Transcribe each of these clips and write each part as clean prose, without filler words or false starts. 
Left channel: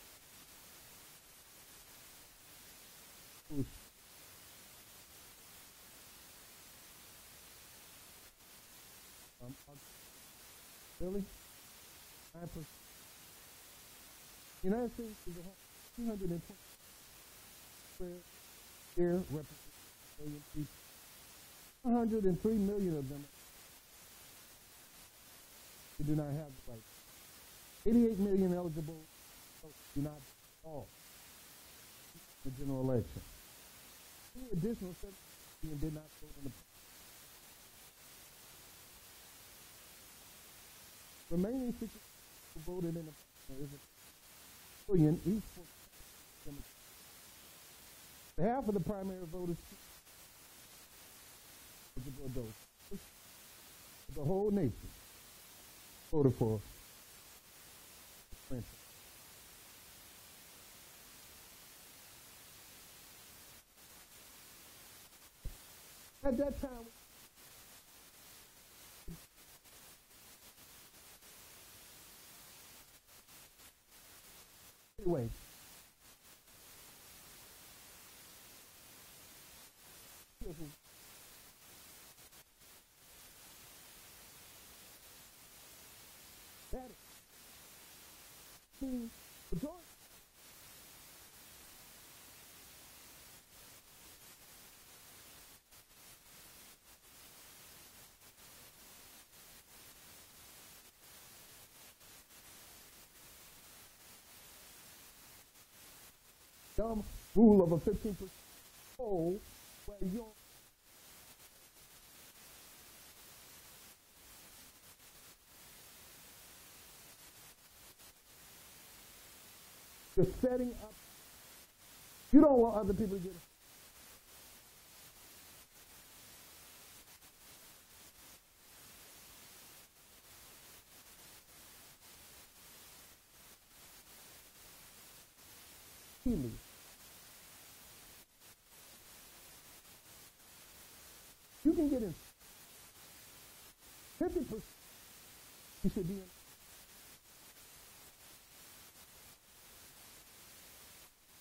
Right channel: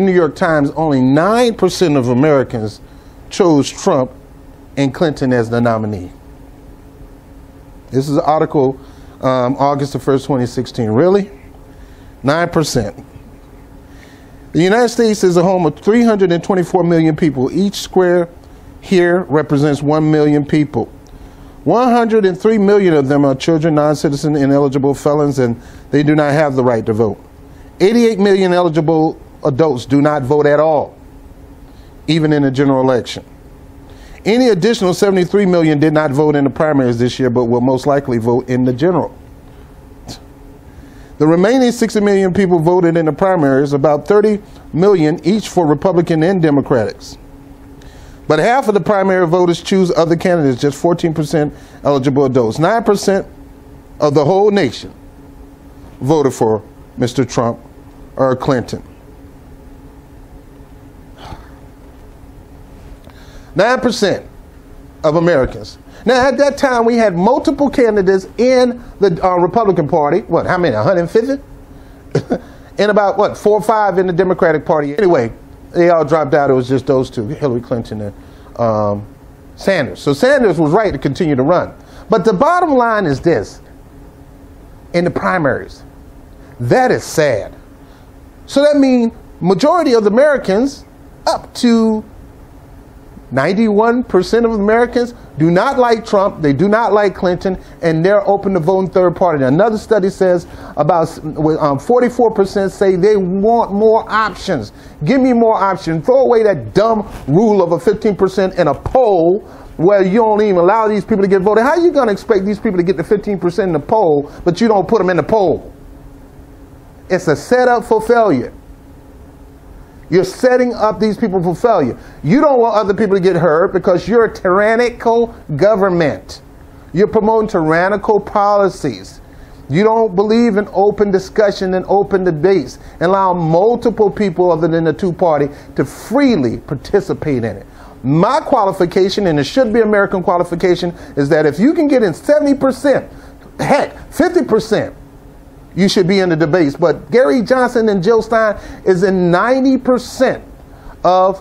the New York Times, only 9% of Americans chose Trump and Clinton as the nominee. This is an article, August the 1st, 2016. Really? 9%. The United States is a home of 324 million people. Each square here represents 1 million people. 103 million of them are children, non-citizen, ineligible felons, and they do not have the right to vote. 88 million eligible adults do not vote at all, even in the general election. Any additional 73 million did not vote in the primaries this year, but will most likely vote in the general. The remaining 60 million people voted in the primaries, about 30 million each for Republican and Democrats. But half of the primary voters choose other candidates, just 14% eligible adults. 9% of the whole nation voted for Mr. Trump or Clinton. 9% of Americans. Now, at that time, we had multiple candidates in the Republican Party. What, how many, 150? And about, what, 4 or 5 in the Democratic Party. Anyway, they all dropped out. It was just those two, Hillary Clinton and Sanders. So Sanders was right to continue to run. But the bottom line is this. In the primaries, that is sad. So that means majority of the Americans, up to 91% of Americans, do not like Trump, they do not like Clinton, and they're open to voting third party. Now, another study says about 44% say they want more options. Give me more options. Throw away that dumb rule of a 15% in a poll where you don't even allow these people to get voted. How are you going to expect these people to get the 15% in the poll, but you don't put them in the poll? It's a setup for failure. You're setting up these people for failure. You don't want other people to get hurt because you're a tyrannical government. You're promoting tyrannical policies. You don't believe in open discussion and open debates and allow multiple people other than the two-party to freely participate in it. My qualification, and it should be American qualification, is that if you can get in 70%, heck, 50%, you should be in the debates. But Gary Johnson and Jill Stein is in 90% of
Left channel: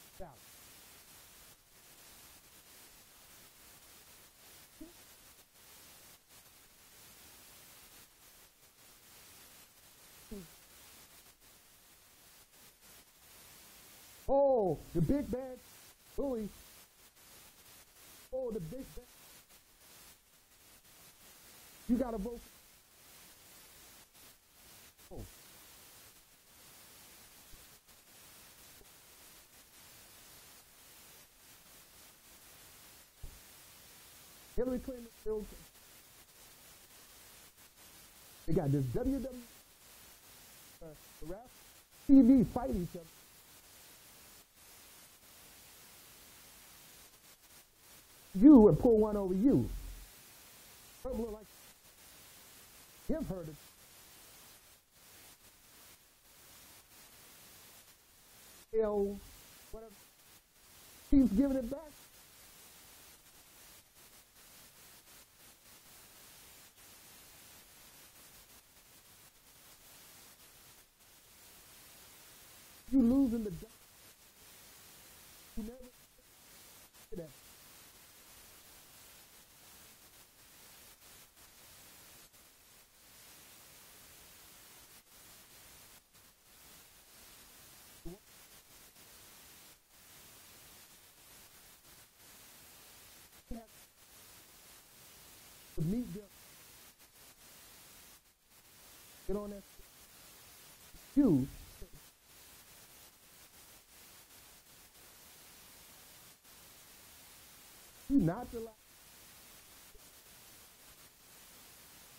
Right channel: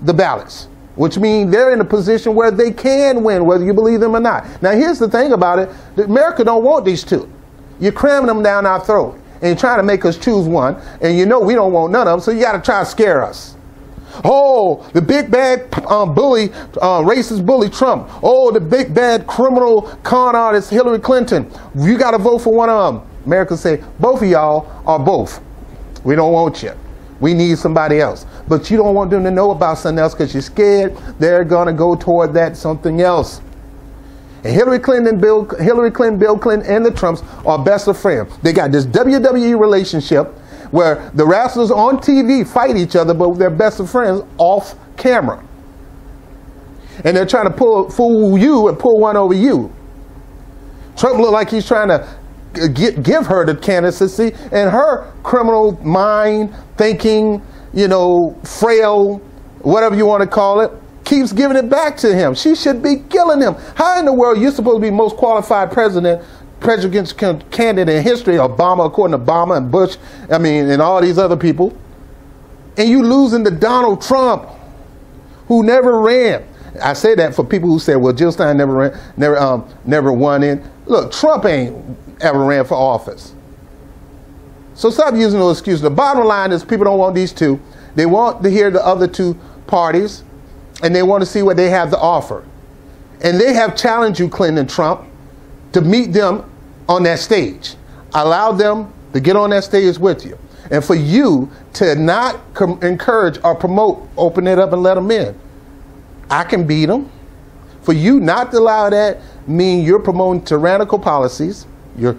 the ballots, which means they're in a position where they can win, whether you believe them or not. Now, here's the thing about it. America don't want these two. You're cramming them down our throat, and you're trying to make us choose one, and you know we don't want none of them, so you got to try to scare us. Oh, the big bad bully, racist bully Trump. Oh, the big bad criminal con artist Hillary Clinton. You got to vote for one of them. America say, both of y'all are both. We don't want you. We need somebody else. But you don't want them to know about something else because you're scared they're going to go toward that something else. And Hillary Clinton, Bill Clinton, and the Trumps are best of friends. They got this WWE relationship where the wrestlers on TV fight each other, but they're best of friends off camera. And they're trying to fool you and pull one over you. Trump look like he's trying to give her the candidacy, and her criminal mind, thinking, you know, frail, whatever you want to call it, keeps giving it back to him. She should be killing him. How in the world you're supposed to be most qualified presidential candidate in history, Obama, according to Obama and Bush, I mean, and all these other people, and you losing to Donald Trump, who never ran. I say that for people who say, well, Jill Stein never ran, never won in. Look, Trump ain't ever ran for office. So stop using those excuses. The bottom line is people don't want these two. They want to hear the other two parties, and they want to see what they have to offer. And they have challenged you, Clinton and Trump, to meet them on that stage. Allow them to get on that stage with you. And for you to not encourage or promote, open it up and let them in. I can beat them. For you not to allow that mean you're promoting tyrannical policies. You're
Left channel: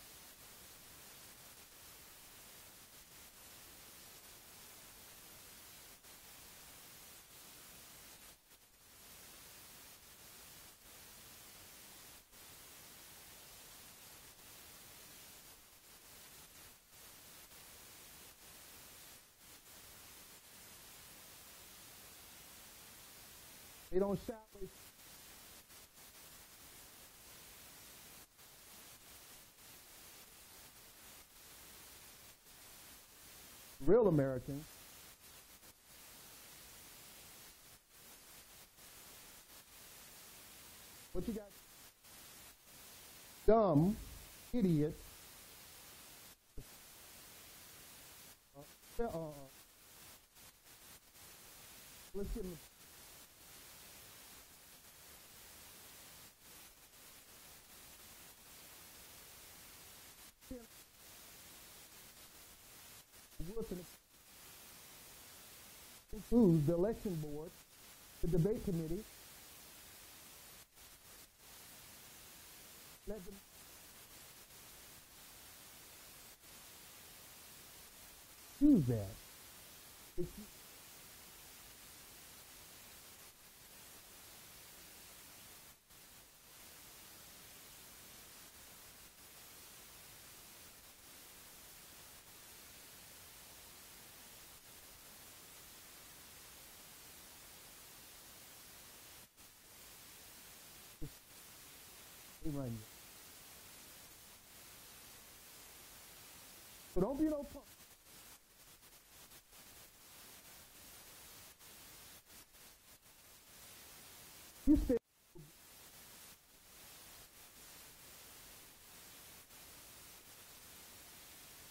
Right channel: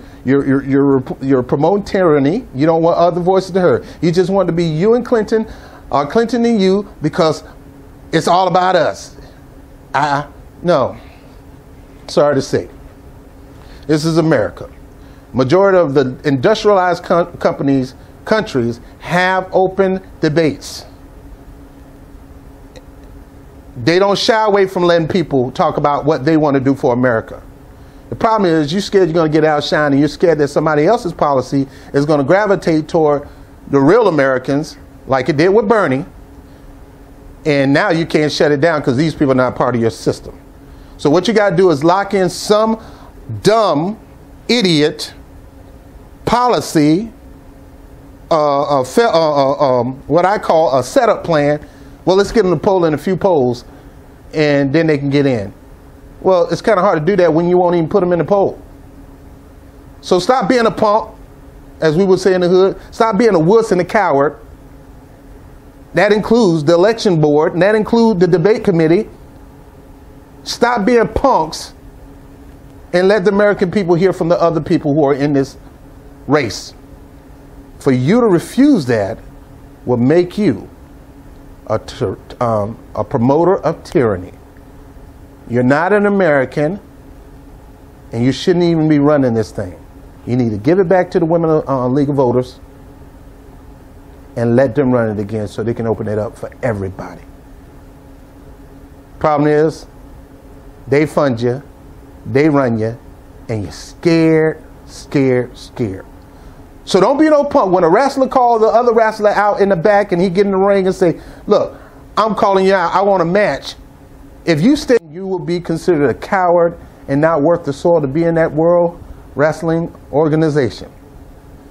promoting tyranny. You don't want other voices to hear. You just want to be you and Clinton, or Clinton and you, because it's all about us. No. Sorry to say. This is America. Majority of the industrialized countries have open debates. They don't shy away from letting people talk about what they want to do for America. The problem is you're scared you're going to get outshined, and you're scared that somebody else's policy is going to gravitate toward the real Americans like it did with Bernie, and now you can't shut it down because these people are not part of your system. So what you got to do is lock in some dumb, idiot policy, what I call a setup plan. Well, let's get them to poll in a few polls, and then they can get in. Well, it's kind of hard to do that when you won't even put them in the poll. So stop being a punk, as we would say in the hood. Stop being a wuss and a coward. That includes the election board, and that includes the debate committee. Stop being punks and let the American people hear from the other people who are in this race. For you to refuse that will make you a promoter of tyranny. You're not an American, and you shouldn't even be running this thing. You need to give it back to the Women League of Voters and let them run it again so they can open it up for everybody. Problem is, they fund you, they run you, and you're scared, scared, scared. So don't be no punk. When a wrestler calls the other wrestler out in the back and he get in the ring and say, look, I'm calling you out, I want a match. If you stay, you will be considered a coward and not worth the soil to be in that world wrestling organization.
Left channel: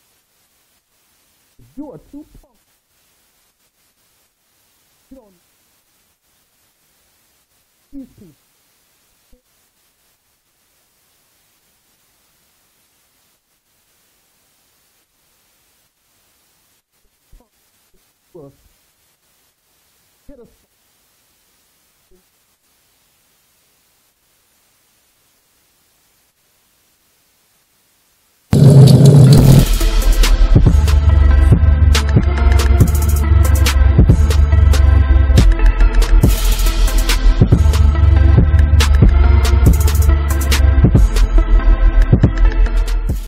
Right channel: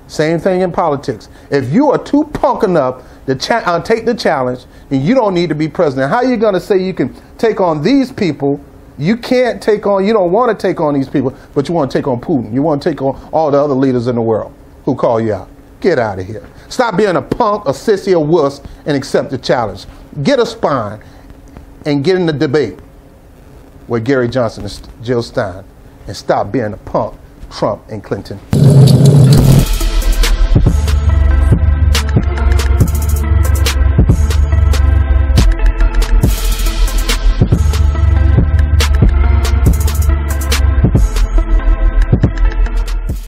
Same thing in politics. If you are too punk enough to take the challenge, then you don't need to be president. How are you going to say you can take on these people? You can't take on, you don't want to take on these people, but you want to take on Putin. You want to take on all the other leaders in the world who call you out. Get out of here. Stop being a punk, a sissy, a wuss, and accept the challenge. Get a spine and get in the debate with Gary Johnson and Jill Stein, and stop being a punk, Trump and Clinton.